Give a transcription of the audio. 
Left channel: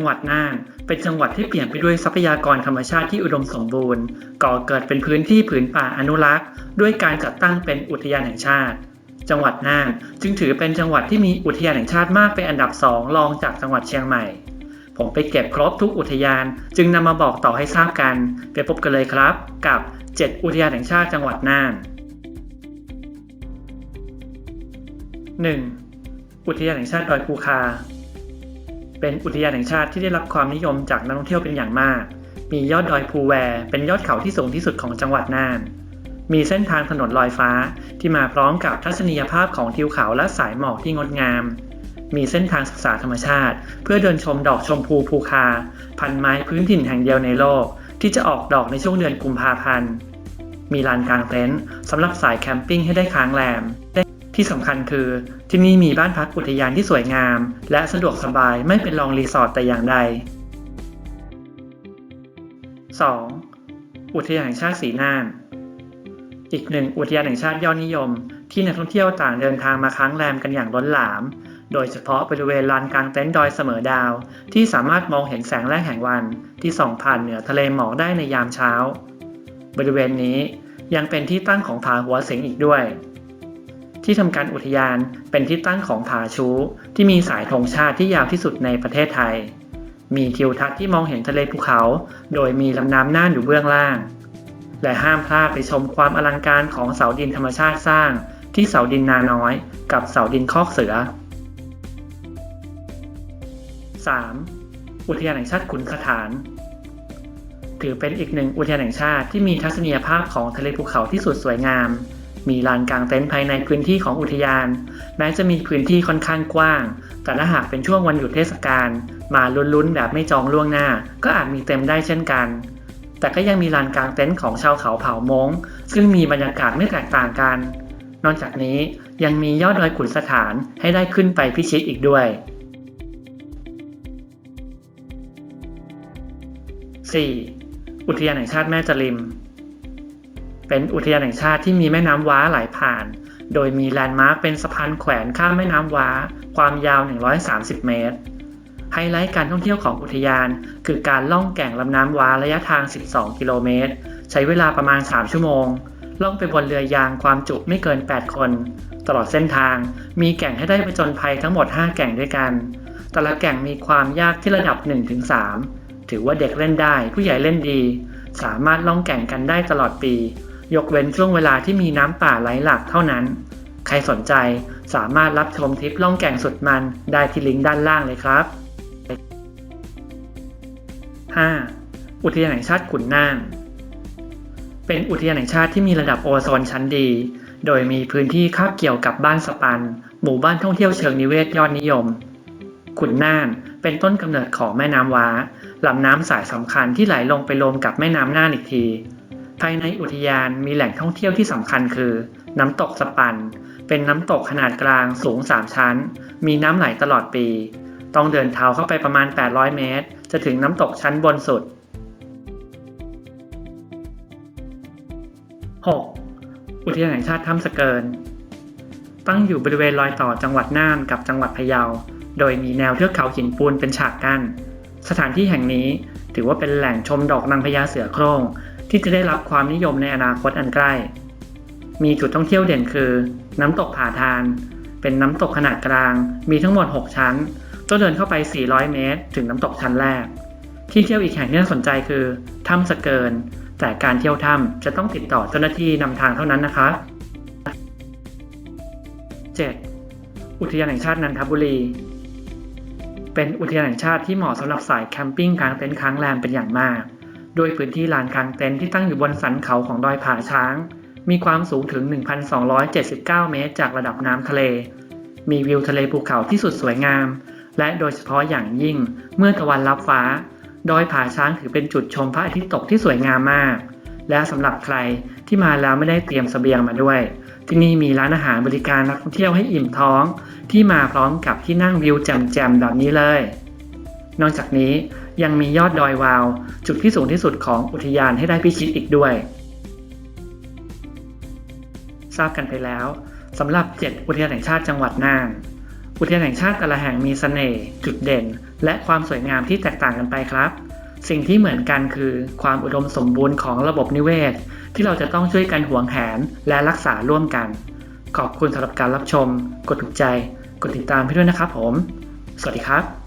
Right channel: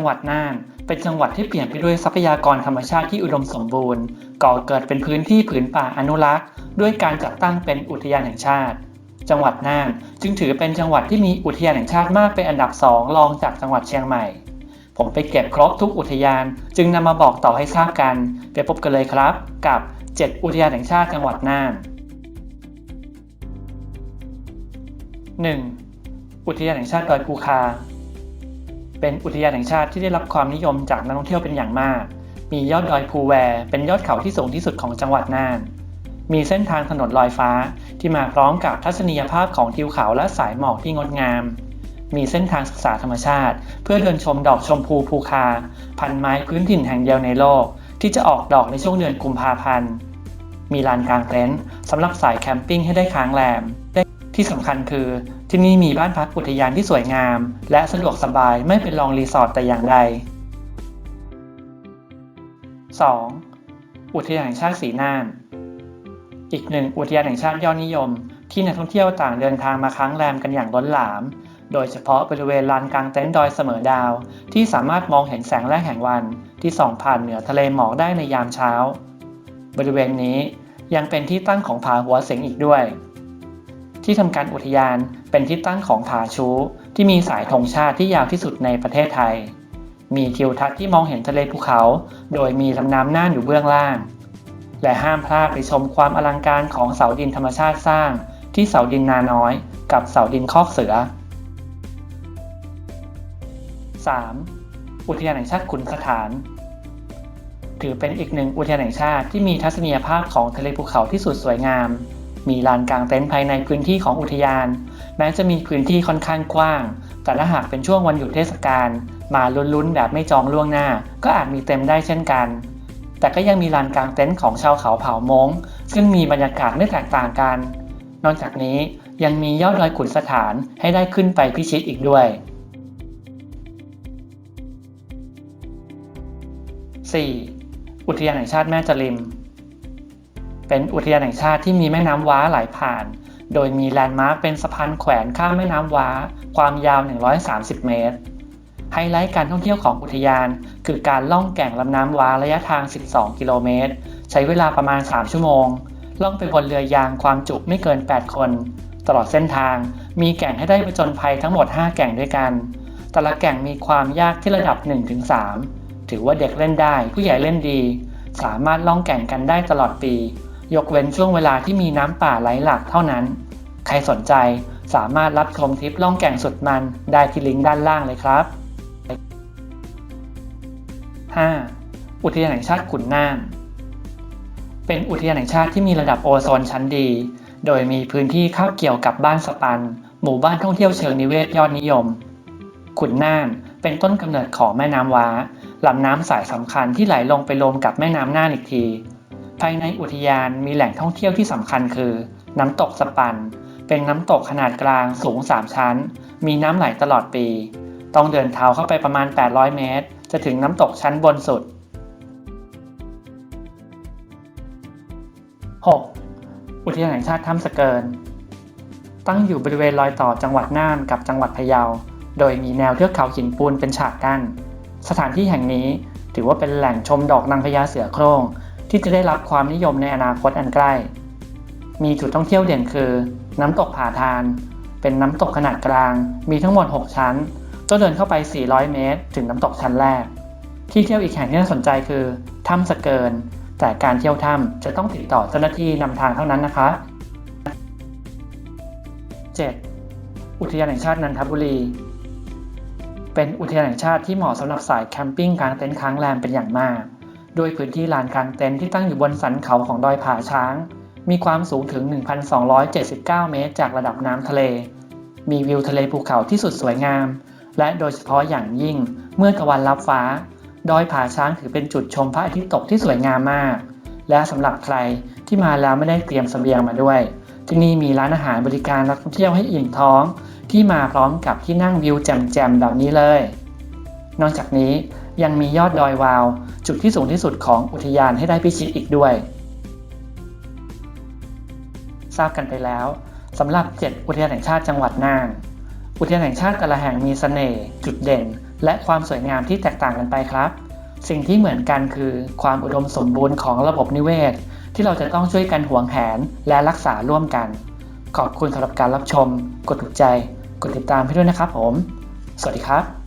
งหวัดน่าน เป็นจังหวัดที่เปลี่ยนไปด้วยทรัพยากรธรรมชาติที่อุดมสมบูรณ์ ก่อเกิดเป็นพื้นที่ผืนป่าอนุรักษ์ ด้วยการจัดตั้งเป็นอุทยานแห่งชาติ จังหวัดน่านจึงถือเป็นจังหวัดที่มีอุทยานแห่งชาติมากเป็นอันดับสองรองจากจังหวัดเชียงใหม่ ผมไปเก็บครบทุกอุทยาน จึงนำมาบอกต่อให้ทราบกันไปพบกันเลยครับ กับ 7 อุทยานแห่งชาติจังหวัดน่าน 1. อุทยานแห่งชาติดอยภูคา เป็นอุทยานแห่งชาติที่ได้รับความนิยมจากนักท่องเที่ยวเป็นอย่างมาก มียอดดอยภูแวเป็นยอดเขาที่สูงที่สุดของจังหวัดน่าน มีเส้นทางถนนลอยฟ้าที่มาพร้อมกับทัศนียภาพของทิวเขาและสายหมอกที่งดงาม มีเส้นทางศึกษาธรรมชาติ เพื่อเดินชมดอกชมพูภูคา พันไม้พื้นถิ่นแห่งเดียวในโลก ที่จะออกดอกในช่วงเดือนกุมภาพันธ์ มีลานกลางเต็นท์สำหรับสายแคมปิ้งให้ได้ค้างแรม ที่สำคัญคือที่นี่มีบ้านพักอุทยานที่สวยงาม และสะดวกสบายไม่เป็นรองรีสอร์ทแต่อย่างใด 2. อุทยานแห่งชาติสีน่าน อีกหนึ่งอุทยานแห่งชาติยอดนิยม ที่นักท่องเที่ยวต่างเดินทางมาค้างแรมกันอย่างล้นหลาม โดยเฉพาะบริเวณลานกลางเต็นท์ดอยเสมอดาว ที่สามารถมองเห็นแสงแรกแห่งวันที่ส่องผ่านเหนือทะเลหมอกได้ในยามเช้า บริเวณนี้ยังเป็นที่ตั้งของผาหัวเสงอีกด้วย ที่ทำการอุทยานเป็นที่ตั้งของผาชู ที่มีสายธงชาติที่ยาวที่สุดในประเทศไทย มีทิวทัศน์ที่มองเห็นทะเลภูเขา โดยมีลำน้ำน่านอยู่เบื้องล่าง และห้ามพลาดไปชมความอลังการของเสาดินธรรมชาติสร้าง ที่เสาดินนาน้อย กับเสาดินคอกเสือ 3. อุทยานแห่งชาติขุนสถาน ถือเป็นอีกหนึ่งอุทยานแห่งชาติที่มีทัศนียภาพของทะเลภูเขาที่สุดสวยงาม มีลานกลางเต็นท์ภายในพื้นที่ของอุทยาน แม้จะมีพื้นที่ค่อนข้างกว้าง แต่ถ้าหากเป็นช่วงวันหยุดเทศกาลมาลุ้นๆ แบบไม่จองล่วงหน้า ก็อาจมีเต็มได้เช่นกัน แต่ก็ยังมีลานกลางเต็นท์ของชาวเขาเผ่ามงซึ่งมีบรรยากาศไม่แตกต่างกัน นอกจากนี้ยังมียอดดอยขุนสถานให้ได้ขึ้นไปพิชิตอีกด้วย 4. อุทยานแห่งชาติแม่จริม เป็นอุทยานแห่งชาติที่มีแม่น้ำว้าไหลผ่าน โดยมีแลนด์มาร์คเป็นสะพานแขวนข้ามแม่น้ำว้า ความยาว 130 เมตร ไฮไลท์การท่องเที่ยวของอุทยาน คือการล่องแก่งลำน้ำว้าระยะทาง 12 กิโลเมตร ใช้เวลาประมาณ 3 ชั่วโมง ล่องไปบนเรือยางความจุไม่เกิน 8 คน ตลอดเส้นทาง มีแก่งให้ได้ประจนภัยทั้งหมด 5 แก่งด้วยกัน แต่ละแก่งมีความยากที่ระดับ 1-3 ถือว่าเด็กเล่นได้ผู้ใหญ่เล่นดีสามารถล่องแก่งกันได้ตลอดปี ยกเว้นช่วงเวลาที่มีน้ำป่าไหลหลากเท่านั้น ใครสนใจสามารถรับชมทริปล่องแก่งสุดมันได้ที่ลิงก์ด้านล่างเลยครับ 5. อุทยานแห่งชาติขุนน่าน เป็นอุทยานแห่งชาติที่มีระดับโอโซนชั้นดี โดยมีพื้นที่คาบเกี่ยวกับบ้านสปัน หมู่บ้านท่องเที่ยวเชิงนิเวศยอดนิยม ขุนน่านเป็นต้นกำเนิดของแม่น้ำว้าลำน้ำสายสำคัญที่ไหลลงไปรวมกับแม่น้ำน่านอีกที ภายในอุทยานมีแหล่งท่องเที่ยวที่สำคัญคือ น้ำตกสปัน เป็นน้ำตกขนาดกลางสูง 3 ชั้น มีน้ำไหลตลอดปี ต้องเดินเท้าเข้าไปประมาณ 800 เมตร จะถึงน้ำตกชั้นบนสุด 6. อุทยานแห่งชาติถ้ำสะเกิน ตั้งอยู่บริเวณรอยต่อจังหวัดน่านกับจังหวัดพะเยา โดยมีแนวเทือกเขาหินปูนเป็นฉากกั้น สถานที่แห่งนี้ถือว่าเป็นแหล่งชมดอกนางพญาเสือโคร่ง ที่จะได้รับความนิยมในอนาคตอันใกล้ มีจุดท่องเที่ยวเด่นคือ น้ำตกผาทาน เป็นน้ำตกขนาดกลาง มีทั้งหมด 6 ชั้นต้องเดินเข้าไป 400 เมตร ถึงน้ำตกชั้นแรก ที่เที่ยวอีกแห่งที่น่าสนใจคือถ้ำสะเกิน แต่การเที่ยวถ้ำจะต้องติดต่อเจ้าหน้าที่นำทางเท่านั้นนะคะ 7. อุทยานแห่งชาตินันทบุรี เป็นอุทยานแห่งชาติที่เหมาะสำหรับสายแคมปิ้งกลางเต็นท์ค้างแรมเป็นอย่างมาก โดยพื้นที่ลานกลางเต็นท์ที่ตั้งอยู่บนสันเขาของดอยผาช้าง มีความสูงถึง 1,279 เมตร จากระดับน้ำทะเล มีวิวทะเลภูเขาที่สุดสวยงาม และโดยเฉพาะอย่างยิ่งเมื่อตะวันรับฟ้า ดอยผาช้างถือเป็นจุดชมพระอาทิตย์ตกที่สวยงามมาก และสำหรับใครที่มาแล้วไม่ได้เตรียมเสบียงมาด้วย ที่นี่มีร้านอาหารบริการนักท่องเที่ยวให้อิ่มท้อง ที่มาพร้อมกับที่นั่งวิวแจ่มๆแบบนี้เลย นอกจากนี้ยังมียอดดอยวาว จุดที่สูงที่สุดของอุทยานให้ได้พิชิตอีกด้วย ทราบกันไปแล้วสำหรับ 7 อุทยานแห่งชาติจังหวัดน่าน อุทยานแห่งชาติแต่ละแห่งมีเสน่ห์จุดเด่น และความสวยงามที่แตกต่างกันไปครับ สิ่งที่เหมือนกันคือความอุดมสมบูรณ์ของระบบนิเวศ ที่เราจะต้องช่วยกันหวงแหนและรักษาร่วมกัน ขอบคุณสำหรับการรับชม กดถูกใจ กดติดตามพี่ด้วยนะครับผม สวัสดีครับ